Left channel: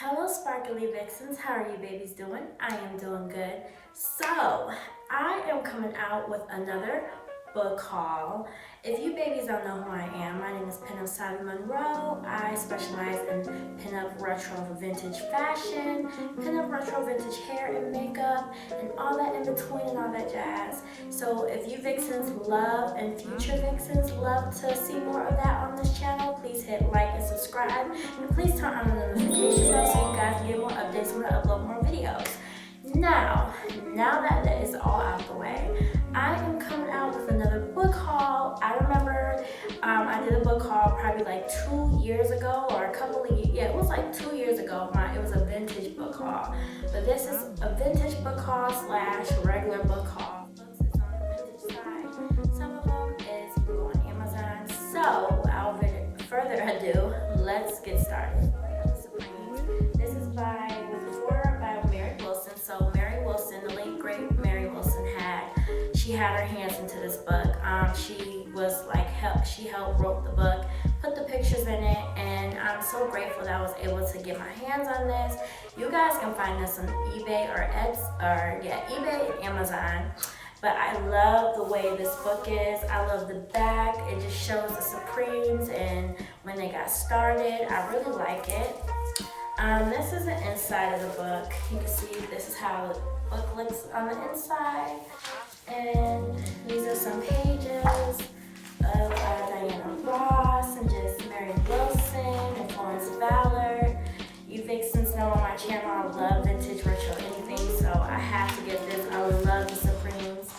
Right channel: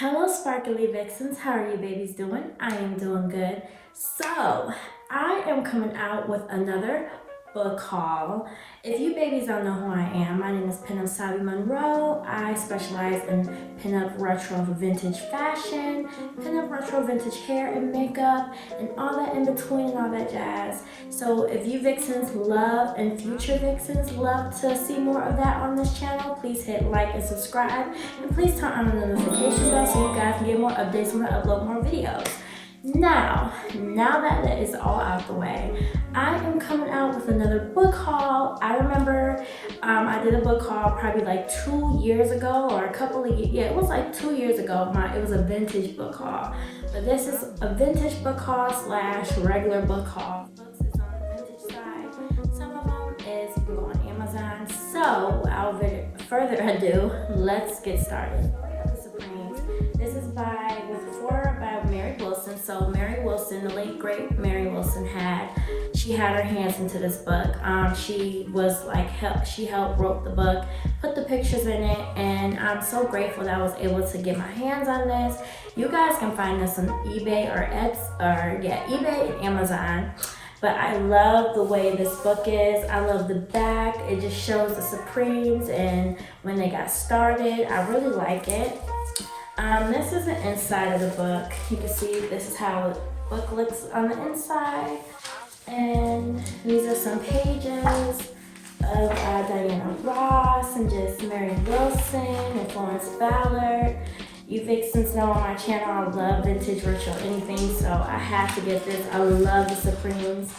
Hello Sparkly Vixens, how are you babies doing? I am doing good. So, I am coming out with another book haul. If you babies don't know who I am, my name is Pinup Monroe. I specialize in pinup retro vintage fashion, pinup retro vintage hair and makeup, and all that in between and all that jazz. So if you vixens love and future vixens love to see more of that on this channel, please hit like and subscribe, and please turn on the notification bell so you guys can get more updates when I upload more videos. Now that that is all out the way, I am coming out with another book haul. I remember I did a book haul probably like 2 years ago, or a couple of years, yeah, it was like 2 years ago. It was a vintage book haul, but this is a vintage book haul slash regular book haul. Books is on the vintage side. Some of them is on Amazon. So without further ado, let's get started. This is by Mary Wilson. So Mary Wilson, the late great Mary Wilson, she had her hands into this book. She was like she helped wrote the book, put the pictures in it, and I'm so grateful that I was able to get my hands on this. You guys can find this on eBay or eBay and Amazon. But I love the way this book is. I love the back. It just shows the Supremes and when they got started. I really like it. This is the inside of the book. You can see this is how the book looks on the inside. And these are some pages of Diana Ross and just Mary Wilson and Florence Ballard. You vixens know on my channel I love vintage retro anything, so I had to get this. I love the Supremes.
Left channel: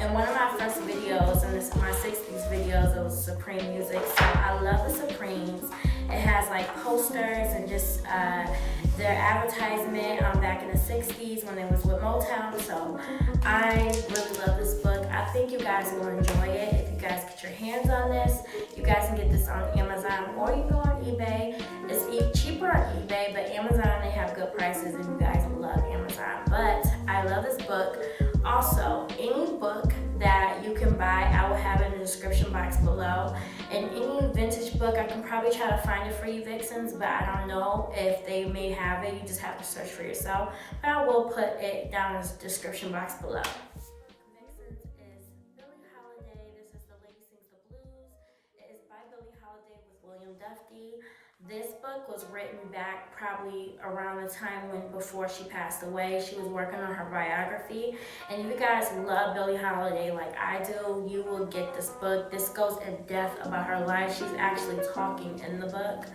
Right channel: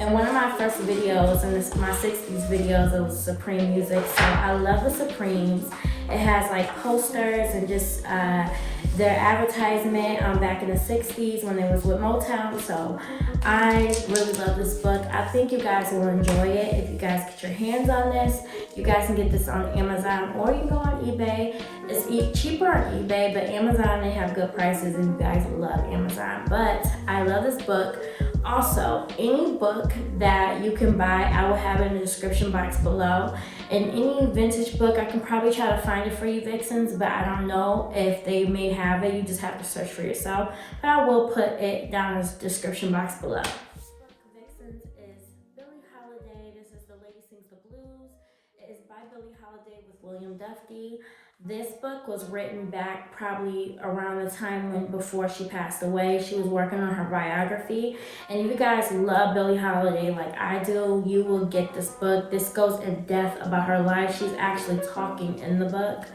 And one of my first videos, and my 60s videos, it was Supreme music, so I love the Supremes. It has like posters and just their advertisement back in the 60s when they was with Motown. So I really love this book. I think you guys will enjoy it if you guys get your hands on this. You guys can get this on Amazon or you can go on eBay. It's cheaper on eBay, but Amazon, they have good prices and you guys love Amazon. But I love this book. Also, any book that you can buy, I will have it in the description box below. And any vintage book, I can probably try to find it for you vixens, but I don't know if they may have it. You just have to search for yourself. But I will put it down in the description box below. Vixens is Billie Holiday. This is The Lady Sings the Blues. It is by Billie Holiday with William Duffy. This book was written back probably around the time before she passed away. She was working on her biography. And if you guys love Billie Holiday like I do, you will get this book. This goes in depth about her life. She's actually talking in the book.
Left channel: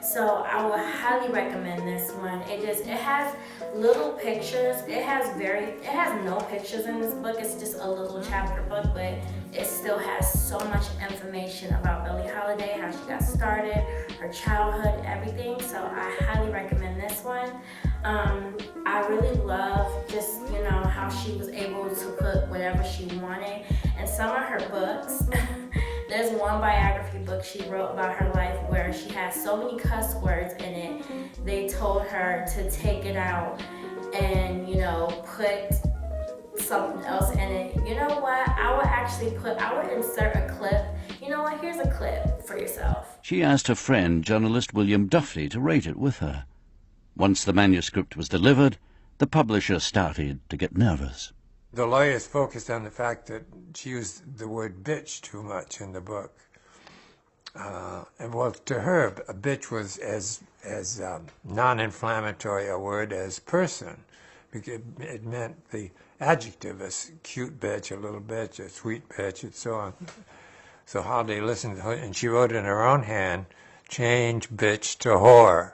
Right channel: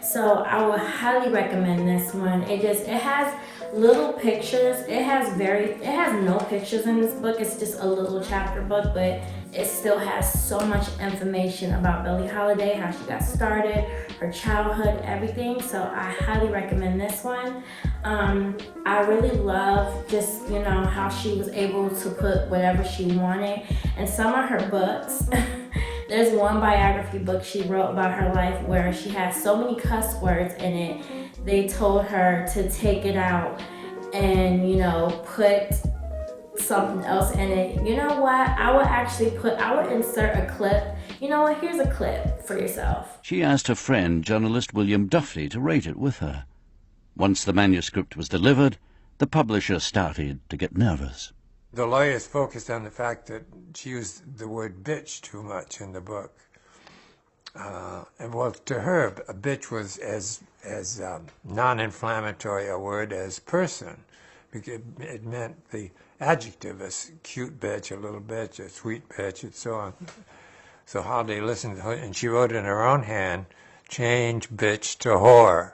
So I would highly recommend this one. It has little pictures. It has no pictures in this book. It's just a little chapter book, but it still has so much information about Billie Holiday, how she got started, her childhood, everything. So I highly recommend this one. I really love just, how she was able to put whatever she wanted. And some of her books, there's one biography book she wrote about her life where she has so many cuss words in it. They told her to take it out and, put something else in it. You know what? I would insert a clip. You know what? Here's a clip for yourself. She asked her friend, journalist William Duffy, to rate it with her. Once the manuscript was delivered, the publisher started to get nervous. The lawyers focused on the fact that she used the word bitch too much in the book. And well, to her, a bitch was as non-inflammatory a word as person. Because it meant the adjective, a cute bitch, a little bitch, a sweet bitch, and so on. So Holiday listened to her, and she wrote in her own hand, change bitch to whore.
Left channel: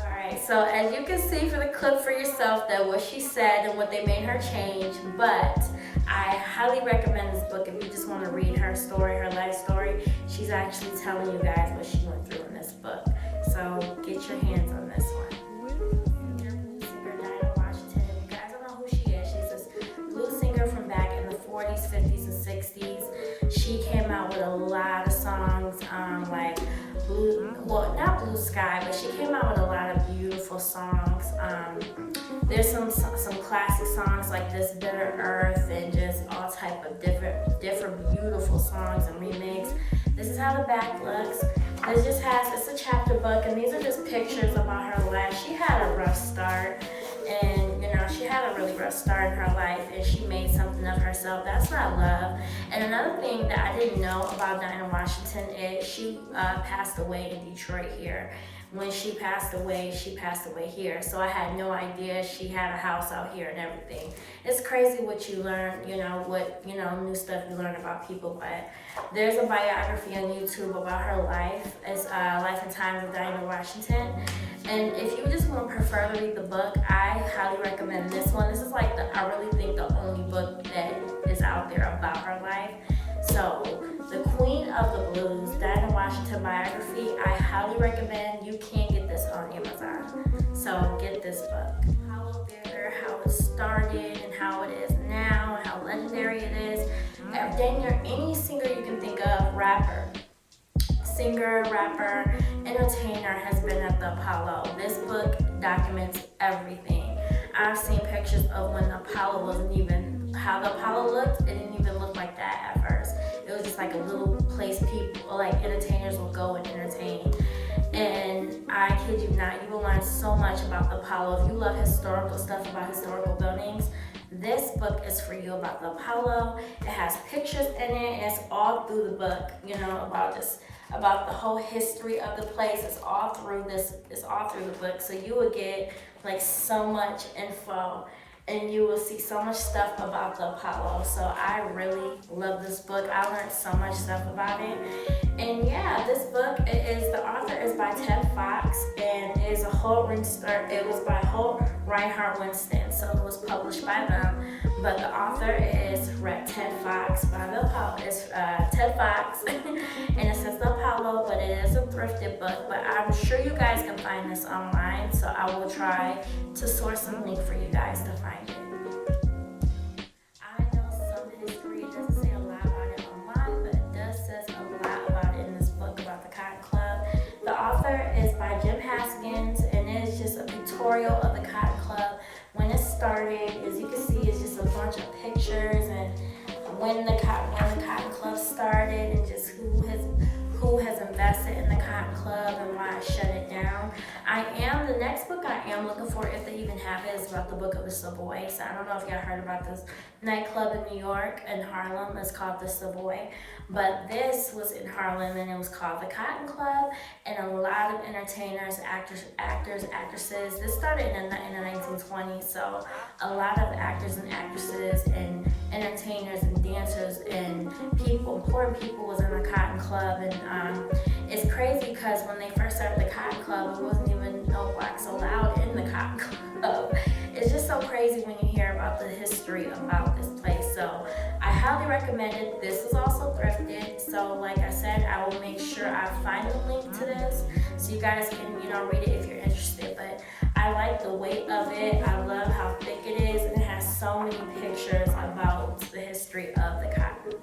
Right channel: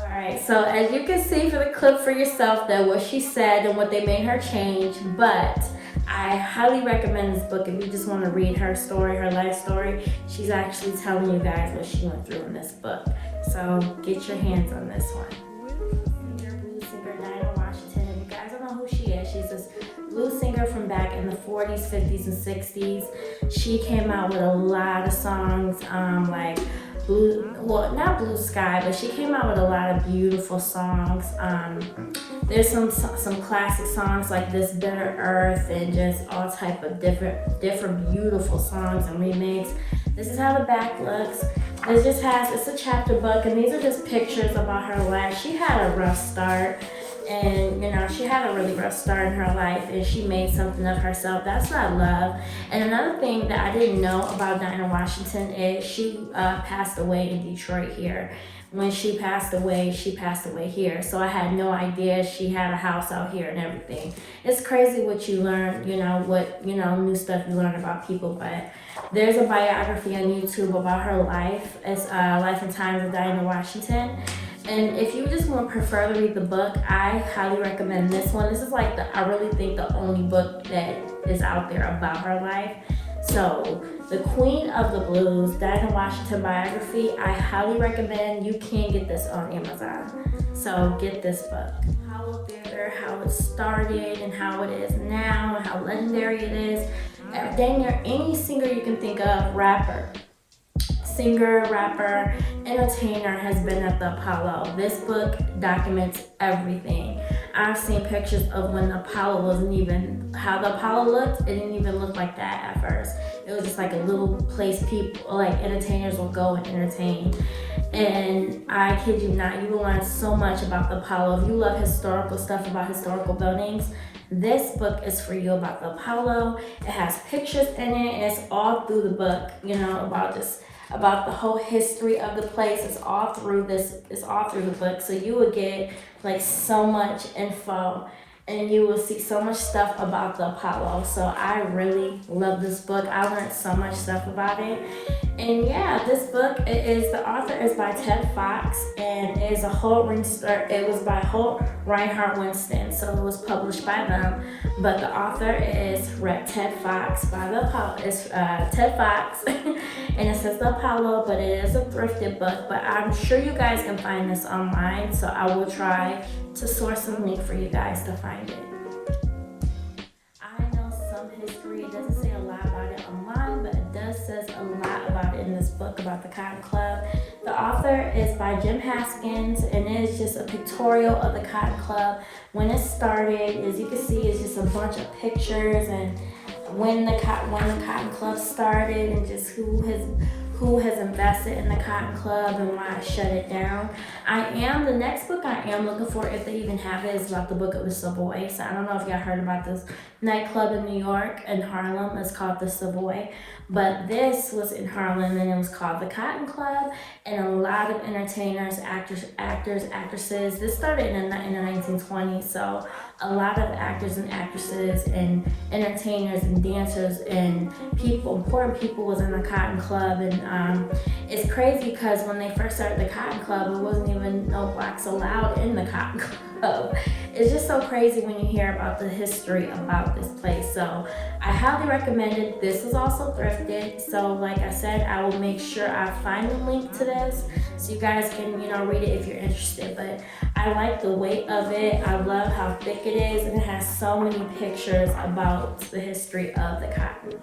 Alright, so as you can see for the clip for yourself, that what she said and what they made her change, but I highly recommend this book if you just want to read her story, her life story. She's actually telling you guys what she went through in this book. So get your hands on this one. Blues singer Dinah Washington. You guys don't know who she is. She's this blues singer from back in the 40s, 50s, and 60s. She came out with a lot of songs, like not Blue Sky, but she came out with a lot of beautiful songs. There's some classic songs like This Bitter Earth and just all type of different beautiful songs and remakes. This is how the back looks. It just has, it's a chapter book, and these are just pictures about her life. She had a rough start, and you know, she had a really rough start in her life, and she made something of herself. That's not love. And another thing that I didn't know about Dinah Washington is she passed away in Detroit here. When she passed away here. So I had no idea she had a house out here and everything. It's crazy what you learn, new stuff you learn about people. But there's a biography on YouTube about her life. It's Life and Times of Dinah Washington. And if you just want to prefer to read the book, I highly recommend this one. This is like I really think the only book that is out there about her life. So, The Queen of the Blues, Dinah Washington biography, I highly recommend. You can get this on Amazon. So get this book. Apollo Theater, how it started and how it is now and how legendary it is. Dang near any singer you can think of, singer, rapper, entertainer has been at the Apollo. This book documents everything. I've seen pictures of when the Apollo wasn't even, how the Apollo looked, it didn't even look like that at first. It was just like a little place people, like entertainers will go and entertain. And I kid you not, you will learn so much about the Apollo. If you love historical stuff about historical buildings, this book is for you about the Apollo. It has pictures in it. It's all through the book, about the whole history of the place. It's all through the book. So you would get like so much info, and you will see so much stuff about the Apollo. So I really love this book. I learned so much stuff about it. And yeah, this book, the author is by Ted Fox, and it is it was by Holt Reinhardt Winston, so it was published by them. But the author is Ted Fox by the Apollo. It's Ted Fox, and it says the Apollo, but it is a thrifted book. But I'm sure you guys can find this online, so I will try to source a link for you guys to find it. I know some history, it doesn't say a lot about it online, but it does says a lot about it in this book about the Cotton Club. The author is by Jim Haskins, and it is just a pictorial of the Cotton Club. When it started, as you can see, it's just a bunch of pictures and when the Cotton Club started and just who has invested in the Cotton Club and why I shut it down. The next book I am looking for, if they even have it, is about the Book of the Savoy. So I don't know if y'all heard about this nightclub in New York, in Harlem. It's called the Savoy. But this was in Harlem, and it was called the Cotton Club. And a lot of entertainers, actors, actresses. This started in the 1920s. So a lot of actors and actresses and entertainers and dancers and important people was in the Cotton Club. And it's crazy because when they first started the Cotton Club, it wasn't even no blacks allowed in the Cotton Club. It's just so crazy when you hear about the history about this place. So I highly recommend it. This was also thrifted. So like I said, I will make sure I find a link to this so you guys can, read it if you're interested. But I like the weight of it. I love how thick it is, and it has so many pictures about the history of the cotton.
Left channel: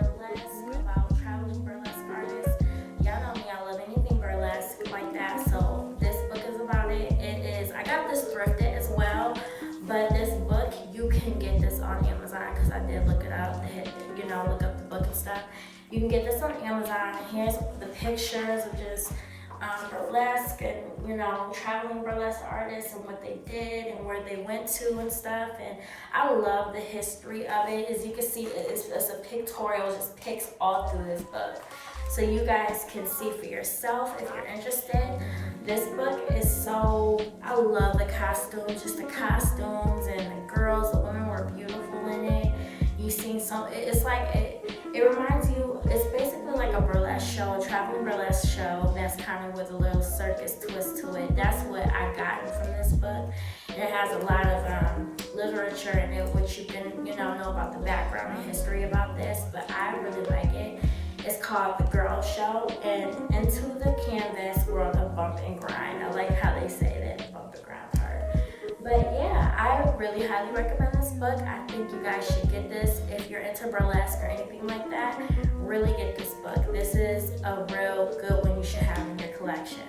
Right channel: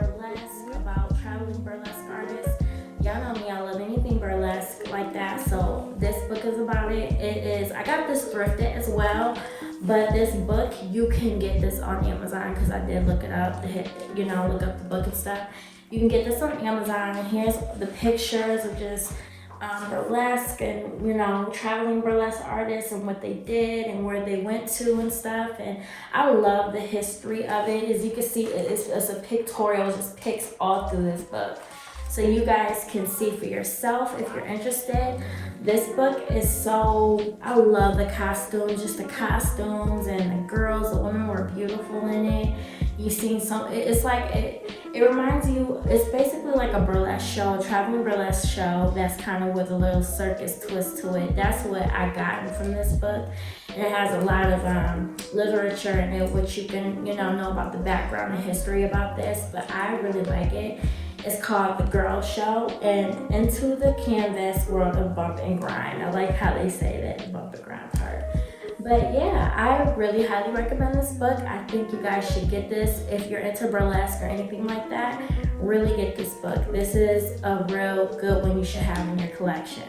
Burlesque, about traveling burlesque artists. Y'all know me, I love anything burlesque like that. So this book is about it. I got this thrifted as well, but this book, you can get this on Amazon because I did look it up, look up the book and stuff. You can get this on Amazon, and here's the pictures of just burlesque and traveling burlesque artists and what they did and where they went to and stuff. And I love the history of it. As you can see, it's a pictorial, it just picks all through this book, so you guys can see for yourself if you're interested. This book is I love the costumes, just the costumes, and the girls, the women were beautiful in it. You see it reminds you, it's basically like a burlesque show, a traveling burlesque show that's kind of with a little circus twist to it. That's what I gotten from this book. And it has a lot of literature in it, which you can, know about the background and history about this, but I really like it. It's called The Girl Show, and Into the Canvas World of Bump and Grind. I like how they say that, the bump and grind part. But yeah, I really highly recommend this book. I think you guys should get this if you're into burlesque or anything like that. Really get this book. This is a real good one you should have in your collection.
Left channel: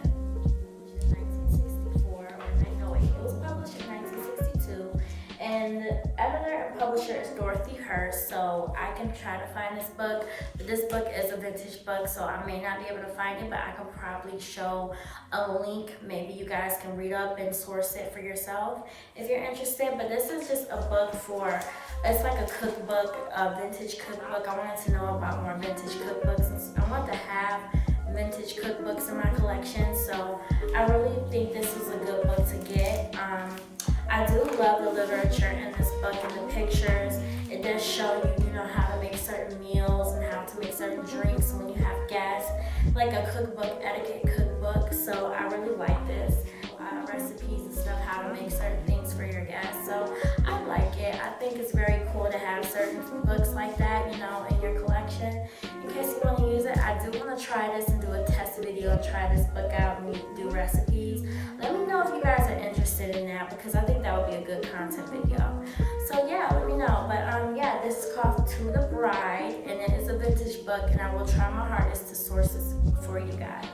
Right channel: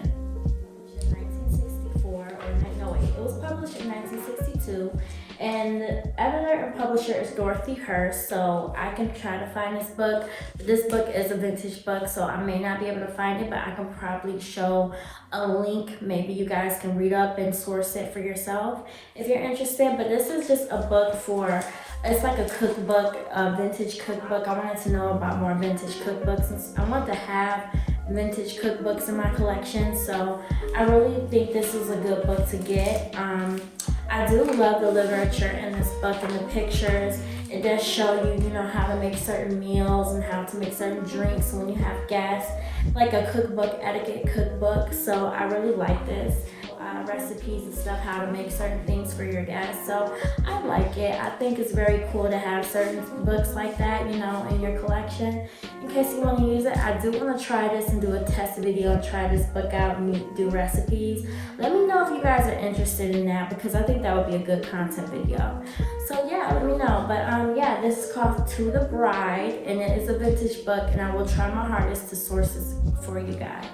Which is 1964, it was published in 1962. And and the editor and publisher is Dorothy Hurst, so I can try to find this book. But this book is a vintage book, so I may not be able to find it, but I can probably show a link. Maybe you guys can read up and source it for yourself if you're interested. But this is just a book for, it's like a cookbook, a vintage cookbook. I wanted to know about more vintage cookbooks, and I want to have vintage cookbooks in my collection, so I really think this is a good book to get. I do love the literature in this book and the pictures. It does show you, how to make certain meals and how to make certain drinks when you have guests, like a cookbook, etiquette cookbook. So I really like this. Recipes and stuff, how to make certain things for your guests. So I like it. I think it's very cool to have certain books like that, in your collection. In case you want to use it, I do want to try this and do a test video and try this book out and do recipes. Let me know if you guys are interested in that, because I think that would be a good content video. So yeah, let me know. But yeah, this is called To the Bride, and it is a vintage book, and I will try my hardest to source this for you guys.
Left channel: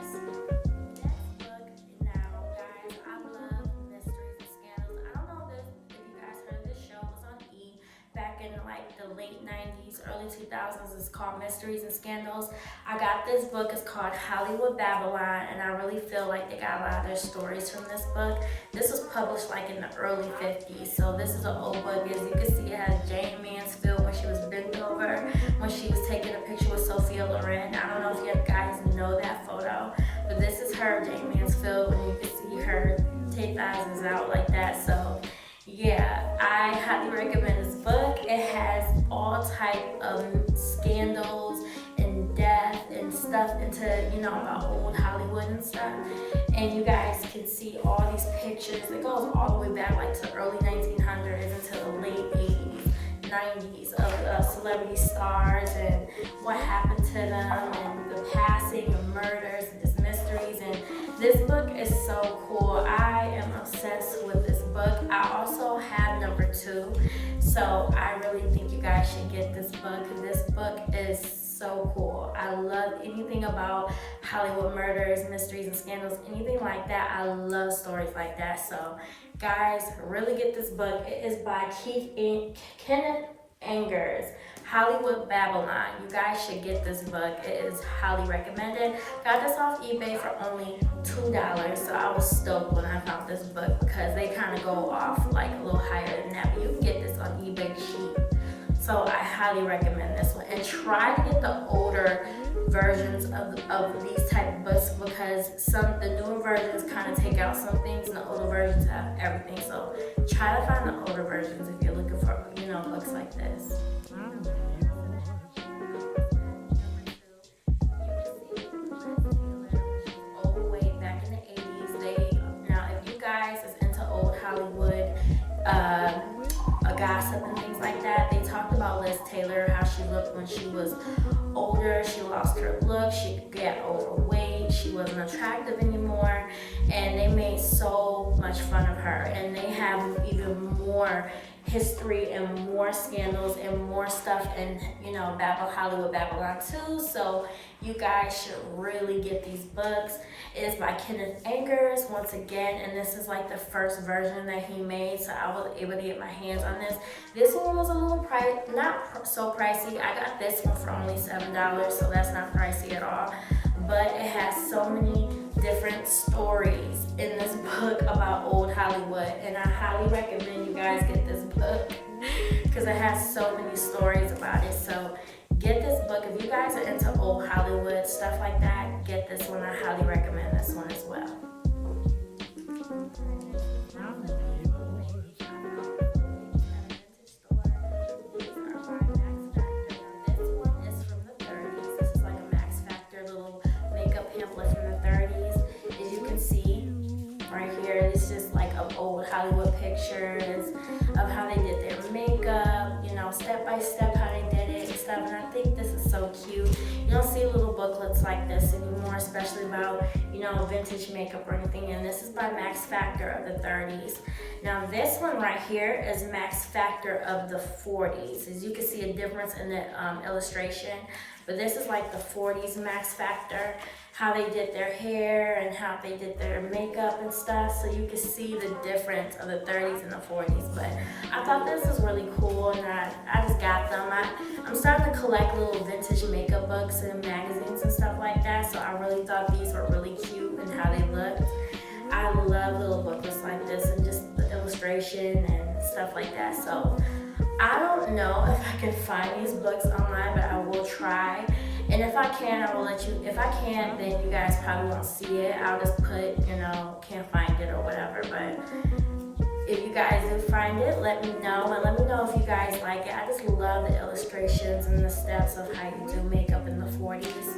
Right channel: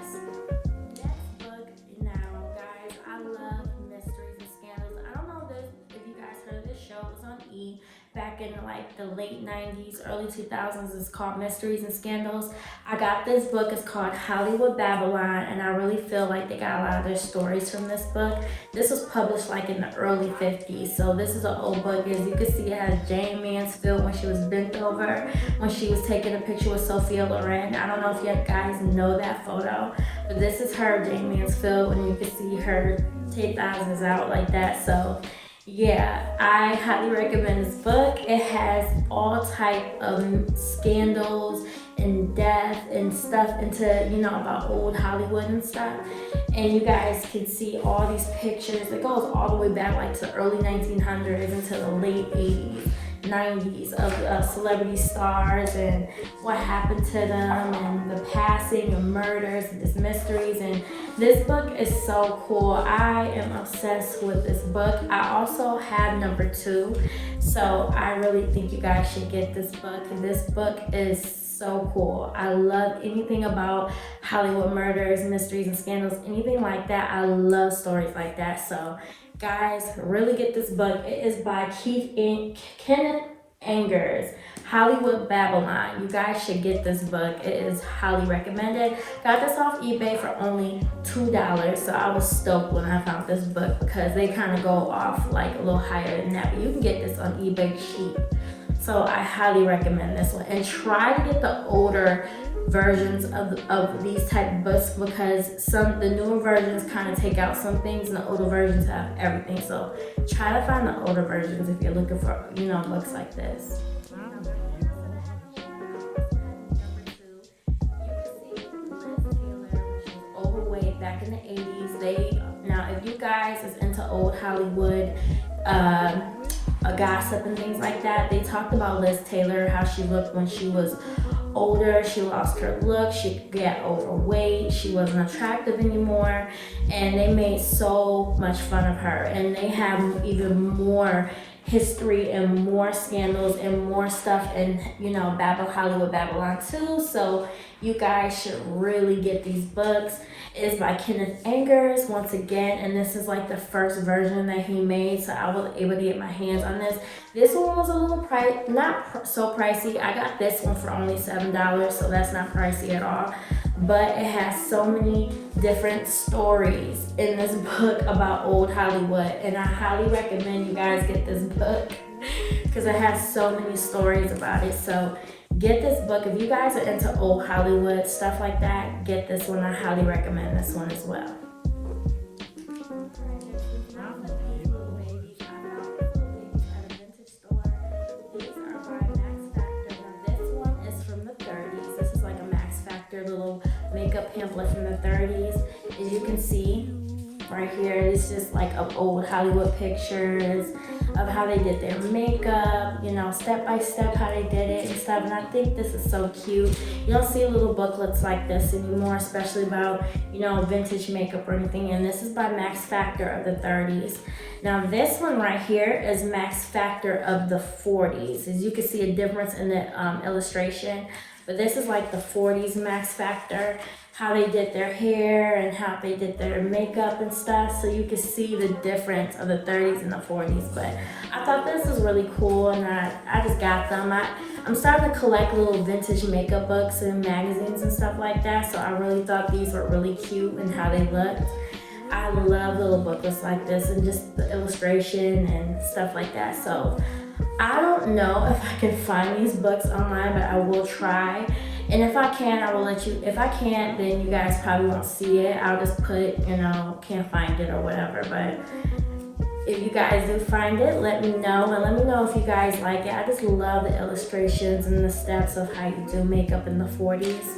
Back in like the late 90s, early 2000s. It's called Mysteries and Scandals. I got this book. It's called Hollywood Babylon, and I really feel like they got a lot of their stories from this book. This was published like in the early 50s, so this is an old book. As you can see, it has Jane Mansfield when she was bent over, when she was taking a picture with Sophia Loren. I don't know if you guys know that photo, but this is her, Jane Mansfield, when you can see her take eyes out like that. So yeah, I highly recommend this book. It has all type of scandals and death and stuff into, about old Hollywood and stuff. And you guys can see all these pictures. It goes all the way back like to the early 1900s into the late 80s, 90s of celebrity stars and what happened to them and the passing and murders and just mysteries. And this book is so cool. I am obsessed with this book. I also have number 2, so I really think you guys should get this book. This book is so cool. I love anything about Hollywood murders, mysteries, and scandals, anything like that. I love stories like that. So guys, really get this book. It is by Kenneth Angers, Hollywood Babylon. You guys should get this book. It is highly recommended. Got this off eBay for only $2, so I was stoked when I found this book, because they kind of go off like a little higher than that, but you can get this on eBay cheap. So I highly recommend this one, and try to get the older versions of these type of books, because the newer versions kind of take out some things and the older versions have everything. So try to find the older versions if you're looking for books like this. Overweight back in the 80s. Now if you guys is into old Hollywood gossip and things like that, they talked about Liz Taylor, how she looked when she was older. She lost her look, she got overweight, she wasn't attractive anymore, and they made so much fun of her. And they have even more history and more scandals and more stuff in Hollywood Babylon too. So you guys should really get these books. It is by Kenneth Angers once again, and this is like the first version that he made, so I was able to get my hands on this. This one was a little not so pricey. I got this one for only $7, so that's not pricey at all. But it has so many different stories in this book about old Hollywood, and I highly recommend you guys get this book because it has so many stories about it. So get this book. If you guys are into old Hollywood, stuff like that, get this one. I highly recommend this one as well. Pamphlet from the 30s. As you can see right here, it's just like of old Hollywood pictures of how they did their makeup, step by step how they did it and stuff. And I think this is so cute. You don't see little booklets like this anymore, especially about vintage makeup or anything. And this is by Max Factor of the 30s. Now this one right here is Max Factor of the 40s. As you can see a difference in the illustration. But this is like the 40s Max Factor. how they did their hair and how they did their makeup and stuff, so you can see the difference of the 30s and the 40s. But I thought this was really cool, and I just got them. I'm starting to collect little vintage makeup books and magazines and stuff like that, so I really thought these were really cute and how they looked. I love little booklets like this and just the illustration and stuff like that. So I don't know if I can find these books online, but I will try. And if I can, I will let you. If I can't, then you guys probably won't see it. I'll just put, can't find it or whatever. But if you guys do find it, let me know. And let me know if you guys like it. I just love the illustrations and the steps of how you do makeup in the 40s.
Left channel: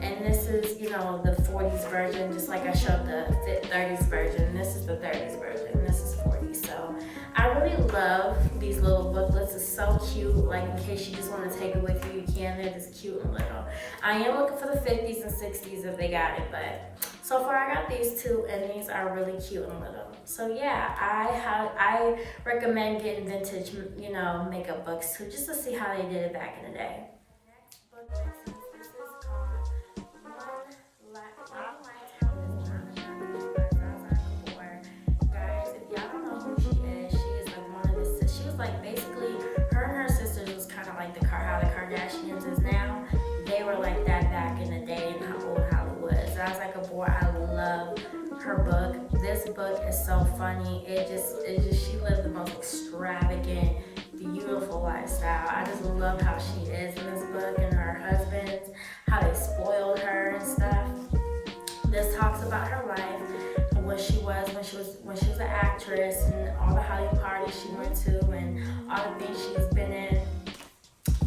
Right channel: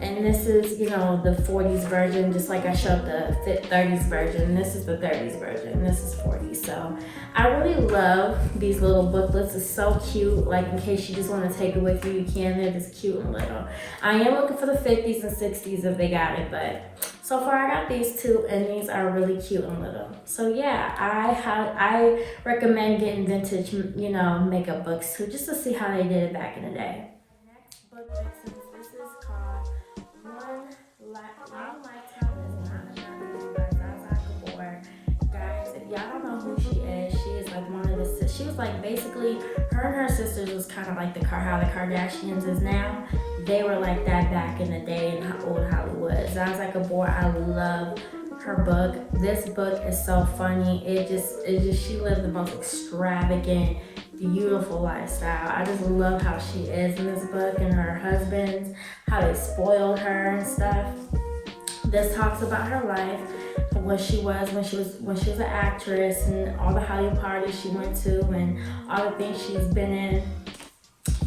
And this is, the 40s version, just like I showed the 30s version. This is the 30s version. This is 40s. So I really love these little booklets. It's so cute. Like, in case you just want to take it with you, you can. They're just cute and little. I am looking for the 50s and 60s if they got it, but so far I got these two, and these are really cute and little. So yeah, I recommend getting vintage, makeup books too, just to see how they did it back in the day. Next book, this is called One Lifetime is Not Enough by Zaza Gabor. Guys, if y'all don't know who she is like one of the, she was like basically, her and her sisters was kind of like how the Kardashians is now. They were like that back in the day in old Hollywood. Zaza Gabor, I love her book. This book is so funny. It just she lived the most extravagant, beautiful lifestyle. I just love how she is in this book, and her husbands, how they spoiled her and stuff. This talks about her life, what she was when she was an actress, and all the Hollywood parties she went to, and all the things she's been in.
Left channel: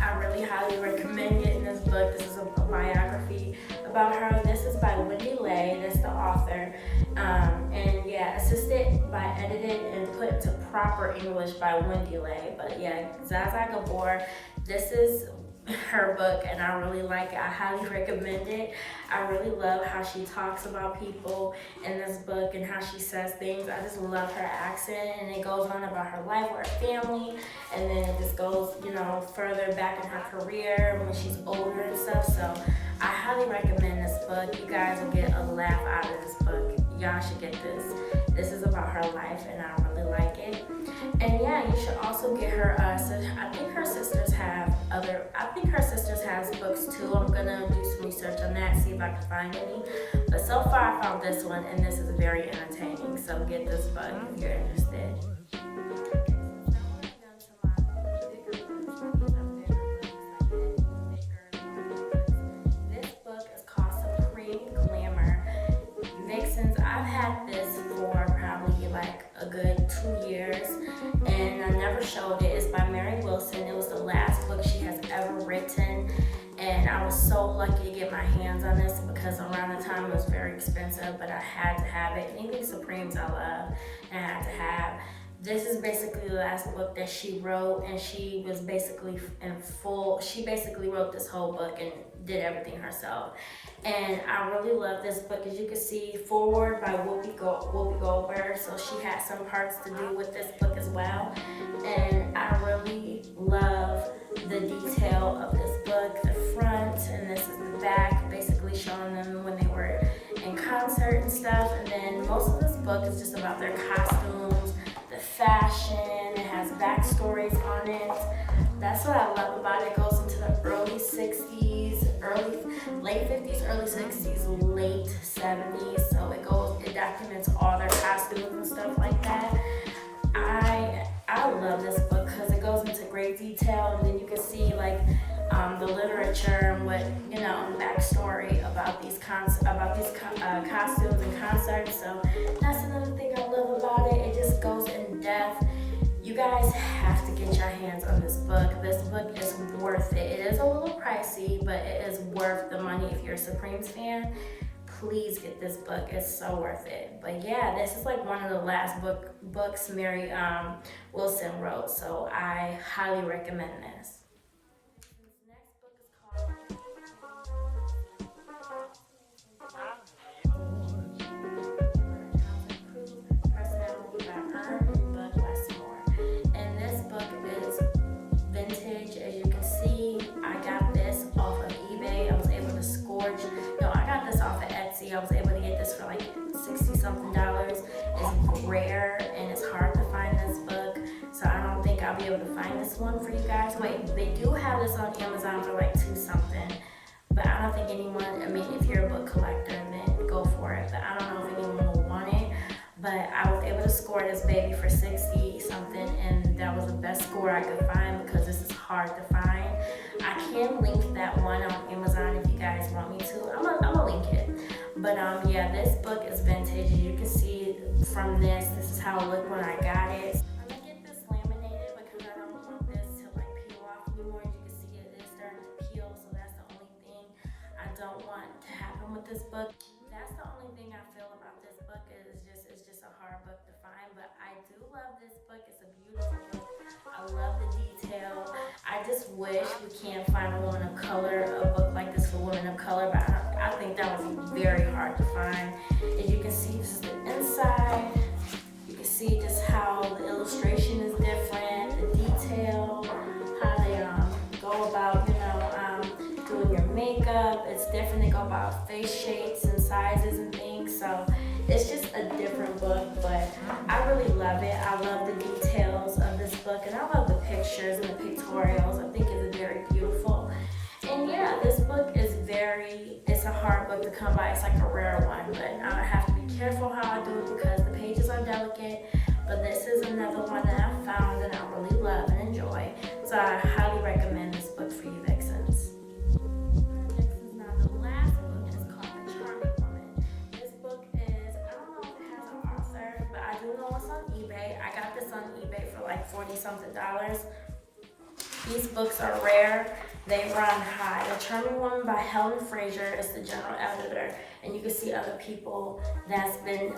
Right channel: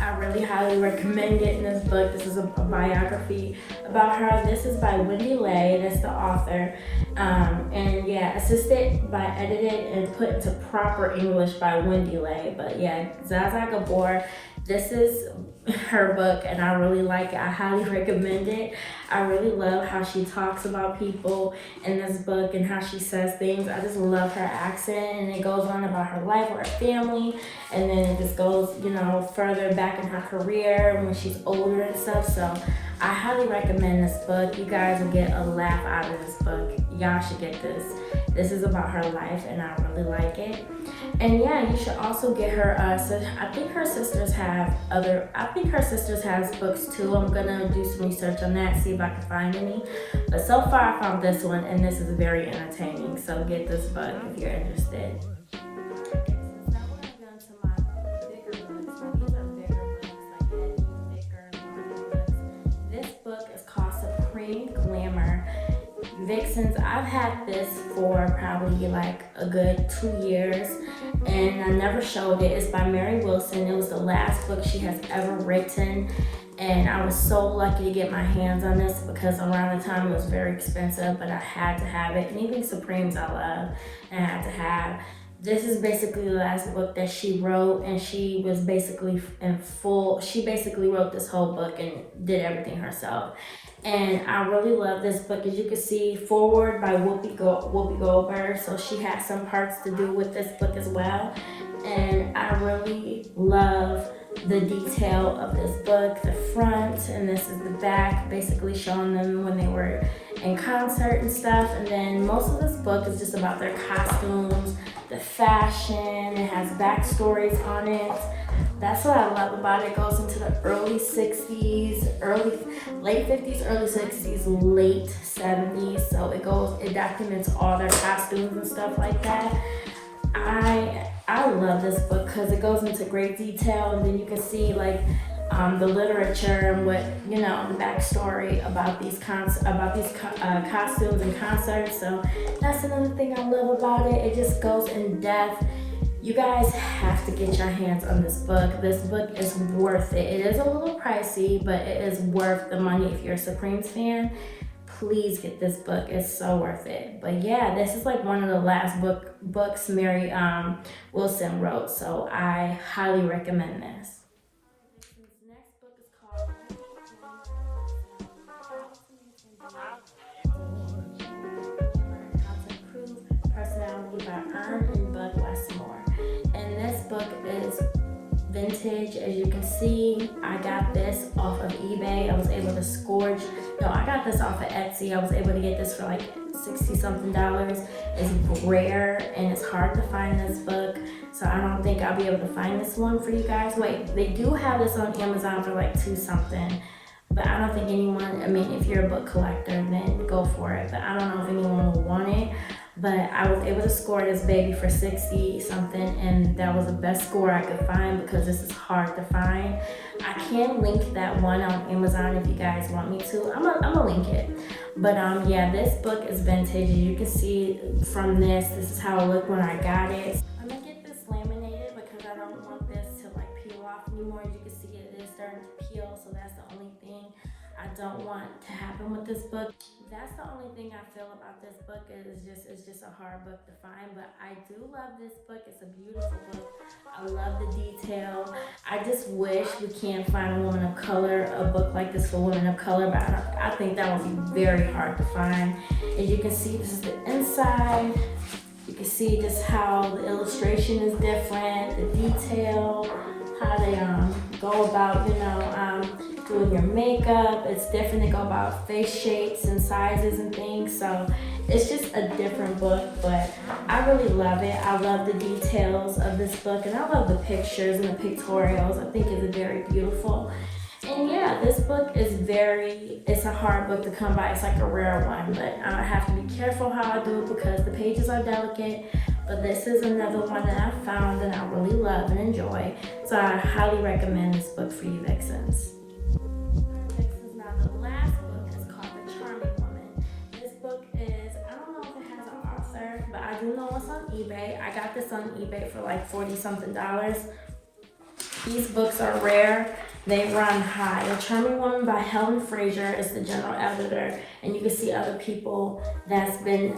I really highly recommend getting this book. This is a biography about her. This is by Wendy Lay. That's the author. And yeah, assisted by edited and put into proper English by Wendy Lay. But yeah, Zaza Gabor, this is her book, and I really like it. I highly recommend it. I really love how she talks about people in this book and how she says things. I just love her accent, and it goes on about her life with her family, and then it just goes, further back in her career when she's older and stuff. So I highly recommend this book. You guys will get a laugh out of this book. Y'all should get this. This is about her life, and I really like it. And yeah, you should also get her, I think her sisters has books too. I'm gonna do some research on that, see if I can find any. But so far I found this one, and this is very entertaining. So get this book if you're interested. This book is called Supreme Glamour. Vixens, I've had this for probably like a good 2 years, and I never showed it. It's by Mary Wilson. It was the last book she has ever written, and I was so lucky to get my hands on this because around the time it was very expensive, but I had to have it. And even Supremes I love, and I had to have. This is basically the last book that she wrote, and she was basically she basically wrote this whole book and did everything herself. And I really love this book. As you can see, forward by Whoopi Goldberg. So she has some parts to do with this book as well. And I really love the detail of this book, the front, and this is the back, basically showing them when they were in concert and stuff. And then most of this book is just about their costumes, the fashion. It has backstories on it. That's what I love about it. It goes into the early 60s, late 50s, early 60s, late 70s. So it documents all their costumes and stuff like that. I love this book because it goes into great detail, and then you can see like the literature and what backstory about these costumes and concerts. So that's another thing I love about it. It just goes in depth. You guys have to get your hands on this book. This book is worth it. It is a little pricey, but it is worth the money if you're a Supremes fan. Please get this book. It's so worth it. But yeah, this is like one of the last books Mary Wilson wrote, so I highly recommend this. This next book is called How to Improve Personality by Buck Westmore. And this book is vintage. vintage. As you can see, I got this off of eBay. I was able to scourge. No, I got this off of Etsy. I was able to get this for like $60-something. It's rare and it's hard to find this book. So I don't think I'll be able to find this one for you guys. Wait, they do have this on Amazon for like $2-something. But I don't think anyone, I mean, if you're a book collector, then go for it. But I don't know if anyone will want it. But I was able to score this baby for 60-something, and that was the best score I could find because this is hard to find. I can link that one on Amazon if you guys want me to. I'm gonna link it. But yeah, this book is vintage. As you can see from this is how it looked when I got it. I'm gonna get this laminated because I don't want this to like peel off anymore. As you can see, it is starting to peel, so that's the only thing I don't want to happen with this book. That's the only thing I feel about this book is it's just a hard book to find, but I do love this book. It's a beautiful book. I love the detail. I just wish we can find a woman of color, a book like this for women of color, but I think that would be very hard to find. As you can see, this is the inside. You can see just how the illustration is different, the detail, how they go about, doing your makeup. It's different. They go about face shapes and sizes and things. So it's just a different book, but I really love it. I love the details of this book, and I love the pictures and the pictorials. I think it's very beautiful. And yeah, this book is it's a hard book to come by. It's like a rare one, but I have to be careful how I do it because the pages are delicate. But this is another one that I found and I really love and enjoy. So I highly recommend this book for you vixens. I got this on eBay for like $40-something. These books are rare. They run high. The Charming Woman by Helen Frazier is the general editor, and you can see other people that's been,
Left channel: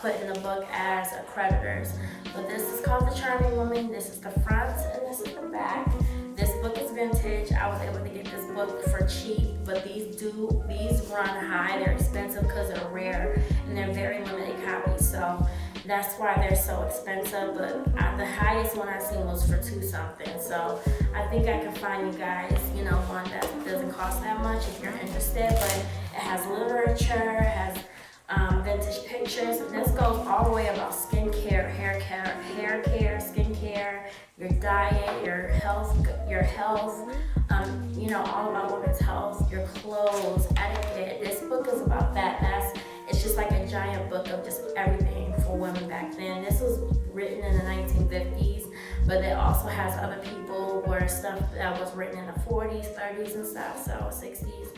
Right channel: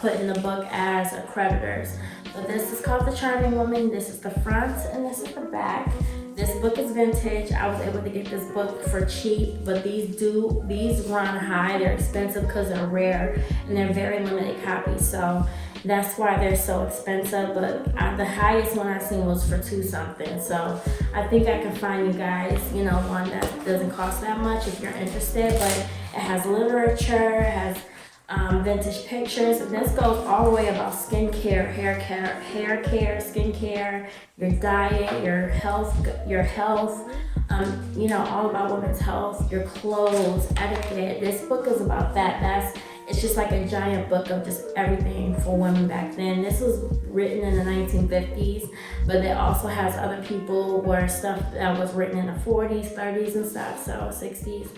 put in the book as creditors. But this is called The Charming Woman. This is the front, and this is the back. This book is vintage. I was able to get this book for cheap, but these run high. They're expensive because they're rare, and they're very limited copies. So that's why they're so expensive. But the highest one I seen was for $2-something. So I think I can find you guys, one that doesn't cost that much if you're interested. But it has literature, it has vintage pictures, and this goes all the way about skincare, hair care, skincare, your diet, your health, all about women's health, your clothes, etiquette. This book is about that. It's just like a giant book of just everything for women back then. This was written in the 1950s, but it also has other people where stuff that was written in the 40s, 30s and stuff, so 60s.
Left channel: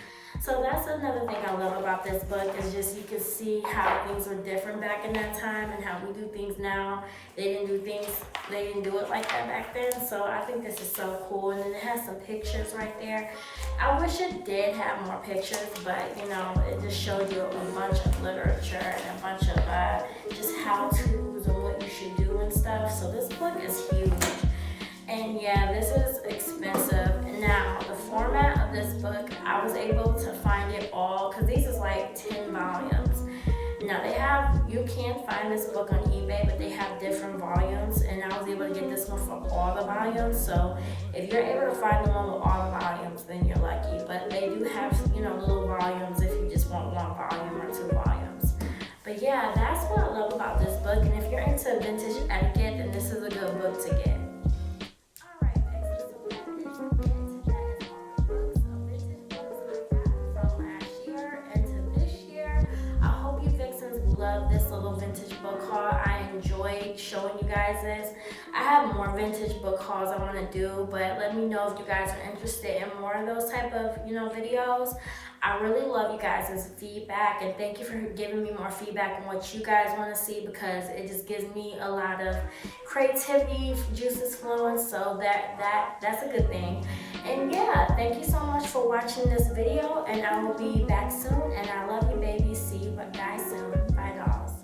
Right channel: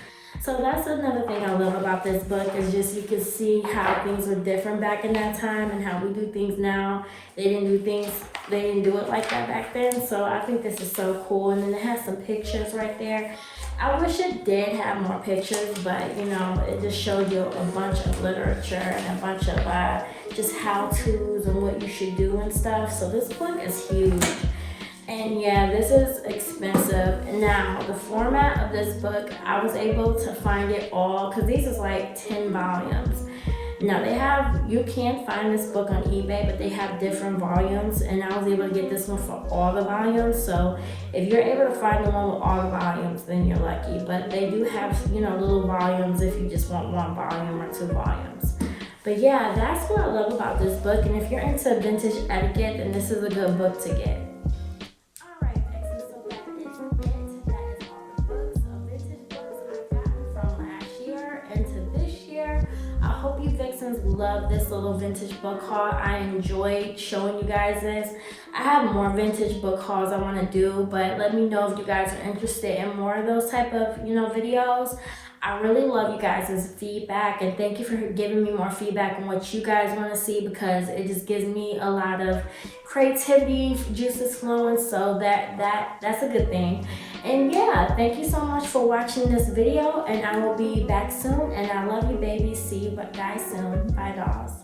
So that's another thing I love about this book is just you can see how things were different back in that time and how we do things now. They didn't do it like that back then. So I think this is so cool. And then it has some pictures right there. I wish it did have more pictures, but it just showed you a bunch of literature and a bunch of just how-tos and what you should do and stuff. So this book is huge. And yeah, this is expensive. Now, the format of this book, I was able to find it all, because these is like 10 volumes. Now, you can find this book on eBay, but they have different volumes, and I was able to get this one for all the volumes. So if you're able to find the one with all the volumes, then you're lucky. But they do have, little volumes if you just want one volume or 2 volumes. But yeah, that's what I love about this book. And if you're into vintage etiquette, then this is a good book to get. Love this little vintage book haul. I enjoyed showing you guys this. I have more vintage book hauls I want to do, but let me know if you guys are interested in more of those type of videos. I really love you guys' feedback, and thank you for giving me more feedback on what you guys want to see, because it just gives me a lot of creativity, juices flowing, so that's a good thing. And yeah, thank you so much for watching this video, and I will be back soon, and I love you babies. See you guys soon. Bye dolls.